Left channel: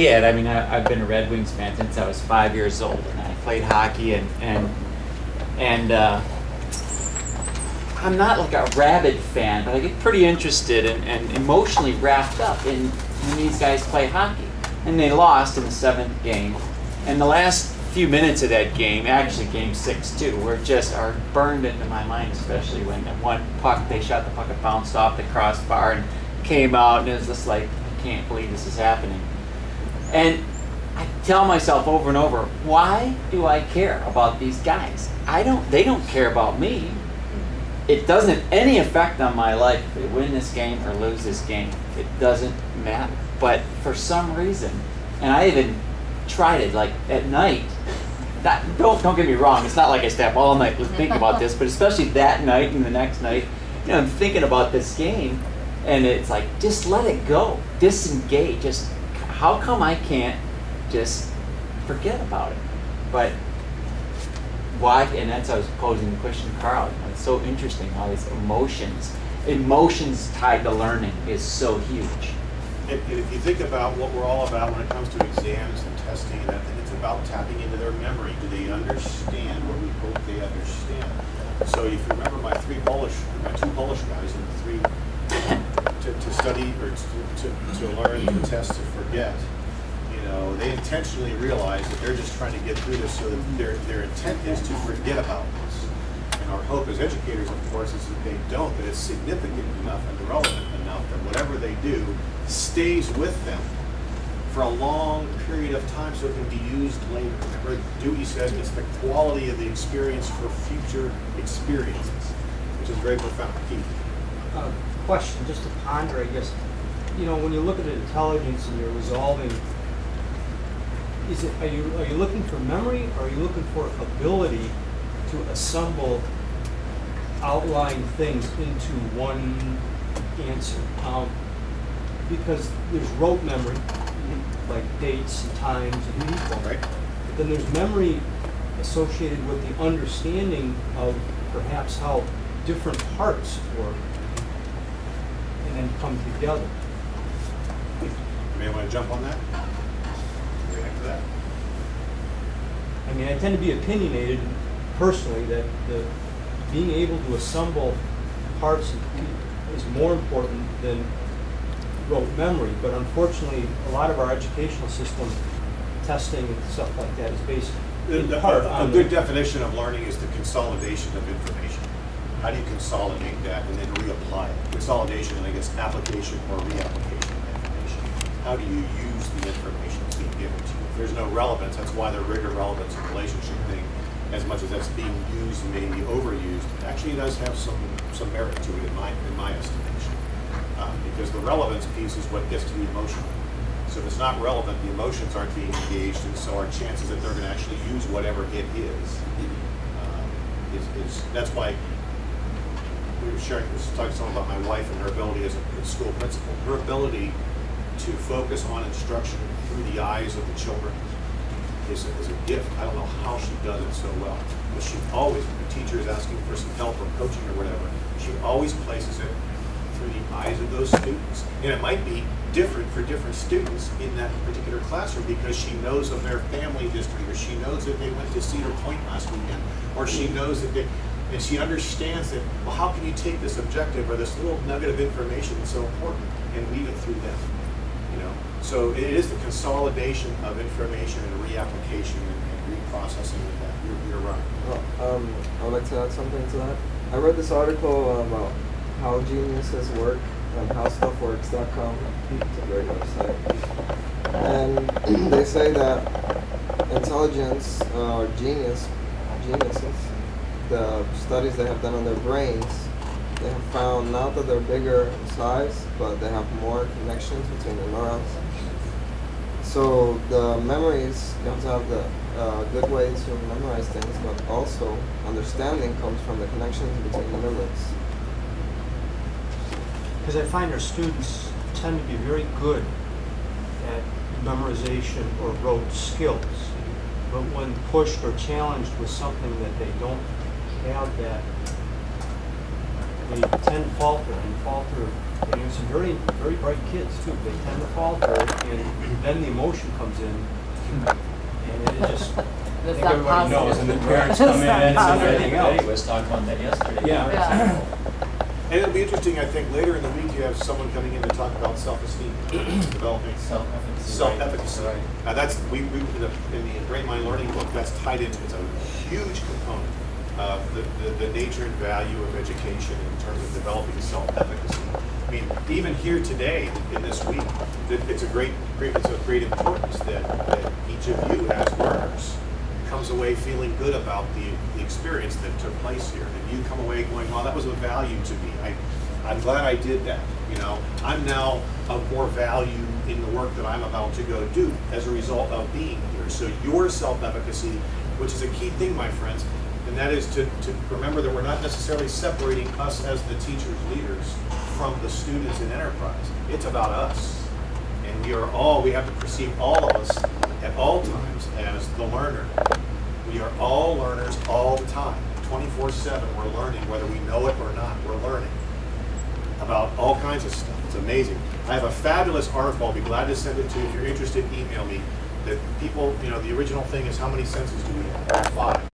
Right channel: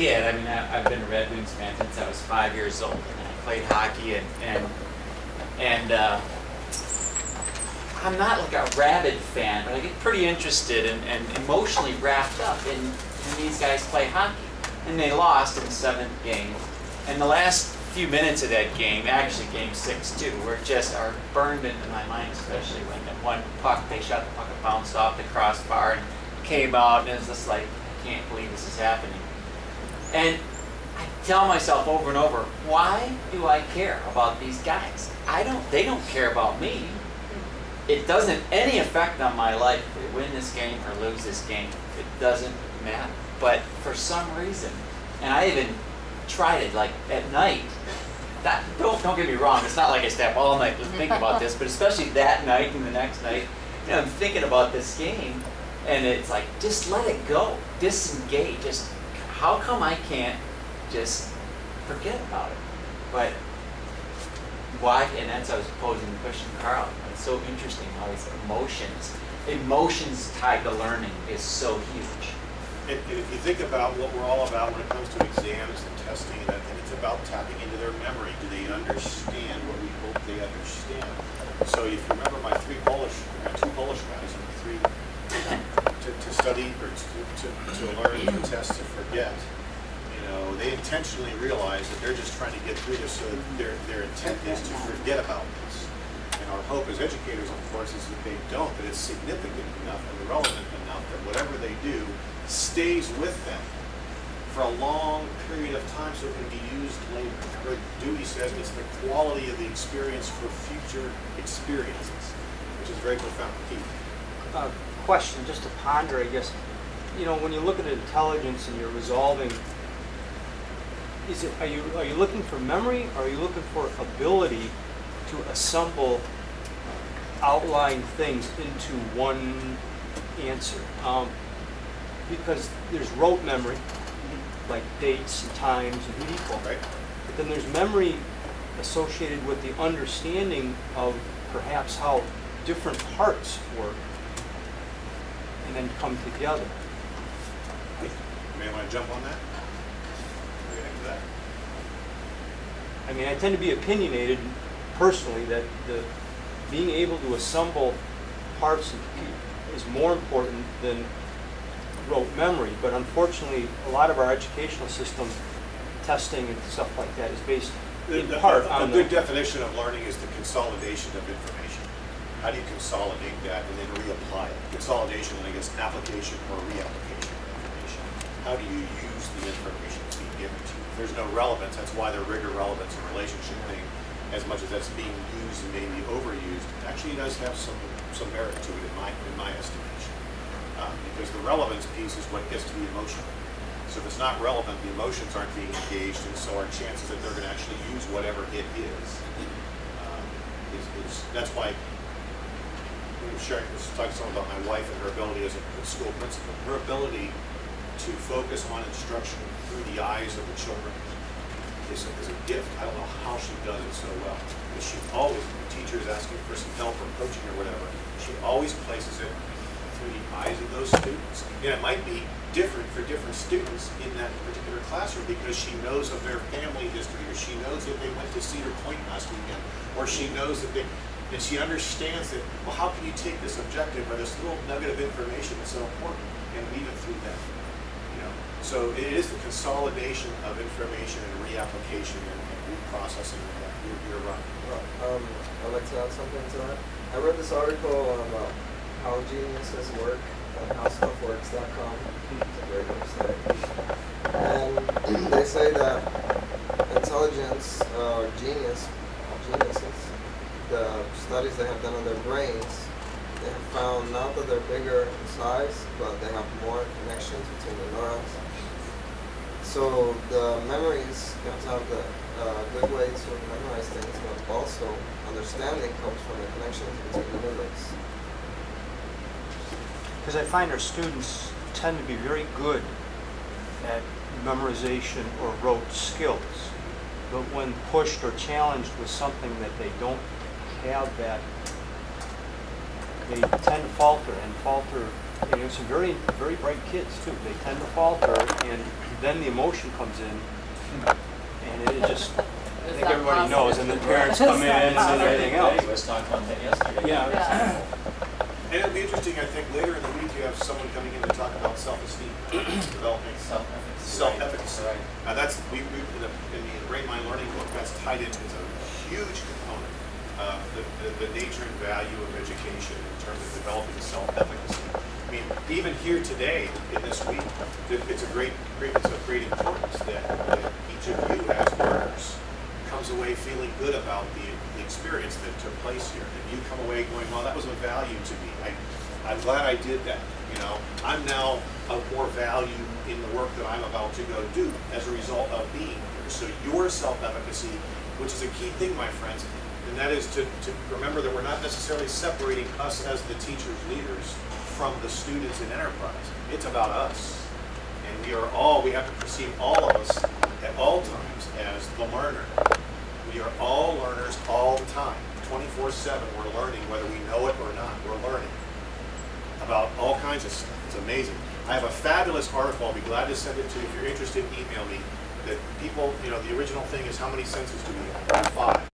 kid, I mean, I've been a Red Wings fan since I was 5 years old, and I played hockey, and I'm not like a rabid fan, but I get pretty interested and emotionally wrapped up in when these guys play hockey. And they lost in the 7th game, and the last few minutes of that game, actually game 6 too, are burned into my mind, especially when that one puck, they shot the puck, it bounced off the crossbar and came out, and it was just like, I can't believe this is happening. And I tell myself over and over, why do I care about these guys? They don't care about me. It doesn't have any effect on my life if we win this game or lose this game. It doesn't matter. But for some reason, and I even tried it like at night. Don't get me wrong, it's not like I stay up all night thinking about this, but especially that night and the next night, you know, I'm thinking about this game, and it's like, just let it go, disengage. Just how come I can't just forget about it? But why? And that's why I was posing the question to Carl. You know, it's so interesting how these emotions tied to learning is so huge. If you think about what we're all about when it comes to exams and testing and that thing, it's about tapping into their memory. Do they understand what we hope they understand? So if you remember my two Polish guys and the three to study or to learn, to test, to forget, you know, they intentionally realize that they're just trying to get through this, so that their intent is to forget about this. And our hope as educators, of course, is that they don't, that it's significant enough and relevant enough that whatever they do stays with them for a long period of time so it can be used later. Remember, Dewey says it's the quality of the experience for future experiences, which is very profound. Keith. Question, just to ponder, I guess. You know, when you look at intelligence and you're resolving, are you looking for memory, or are you looking for ability to assemble outlying things into one answer? Because there's rote memory, like dates and times and people. Right. But then there's memory associated with the understanding of perhaps how different parts work and then come together. You may want to jump on that. React to that. I mean, I tend to be opinionated personally that being able to assemble parts is more important than rote memory, but unfortunately a lot of our educational system testing and stuff like that is based in part on a good definition of learning is the consolidation of information. How do you consolidate that and then reapply it? Consolidation and I guess application or reapplication of information. How do you use the information that's being given to you? If there's no relevance, that's why the rigor, relevance, and relationship thing, as much as that's being used and maybe overused, actually does have some merit to it in my estimation. Because the relevance piece is what gets to the emotional. So if it's not relevant, the emotions aren't being engaged, and so our chances that they're going to actually use whatever it is that's why we were talking some about my wife and her ability as a school principal. Her ability to focus on instruction through the eyes of the children is a gift. I don't know how she does it so well, but she always, when the teacher is asking for some help or coaching or whatever, she always places it through the eyes of those students. And it might be different for different students in that particular classroom because she knows of their family history, or she knows that they went to Cedar Point last weekend, or she knows that and she understands that, well, how can you take this objective or this little nugget of information that's so important and weave it through them, you know? So it is the consolidation of information and reapplication and reprocessing of that. You're right. Well, I'd like to add something to that. I read this article about how geniuses work on howstuffworks.com. It's a great website. And they say that intelligence or geniuses, the studies they have done on their brains, they have found not that they're bigger in size, but they have more connections between the neurons. So the memories, you have to have the good way to memorize things, but also understanding comes from the connections between the neurons. Because I find our students tend to be very good at memorization or rote skills, but when pushed or challenged with something that they don't have that they tend to falter and falter. You know, some very, very bright kids too. They tend to falter, and then the emotion comes in, and it just, I think everybody knows, and the parents come in and everything else. Betty was talking about that yesterday. Yeah. And it'll be interesting, I think, later in the week you have someone coming in to talk about self-esteem, developing Self-efficacy. self-efficacy. Right. That's, we in the Brain Mind Learning book, that's tied in, it's a huge component of the nature and value of education in terms of developing self-efficacy. I mean, even here today, in this week, it's of great importance that each of you as learners comes away feeling good about the experience that took place here. That you come away going, well, that was of value to me. I'm glad I did that. You know, I'm now of more value in the work that I'm about to go do as a result of being here. So your self-efficacy, which is a key thing, my friends, and that is to remember that we're not necessarily separating us as the teachers, leaders, from the students in enterprise. It's about us. And we have to perceive all of us at all times as the learner. We are all learners all the time. 24/7 we're learning, whether we know it or not. We're learning about all kinds of stuff. It's amazing. I have a fabulous article. I'll be glad to send it to you. If you're interested, email me. That people, you know, the original thing is how many senses do we have? There are 5.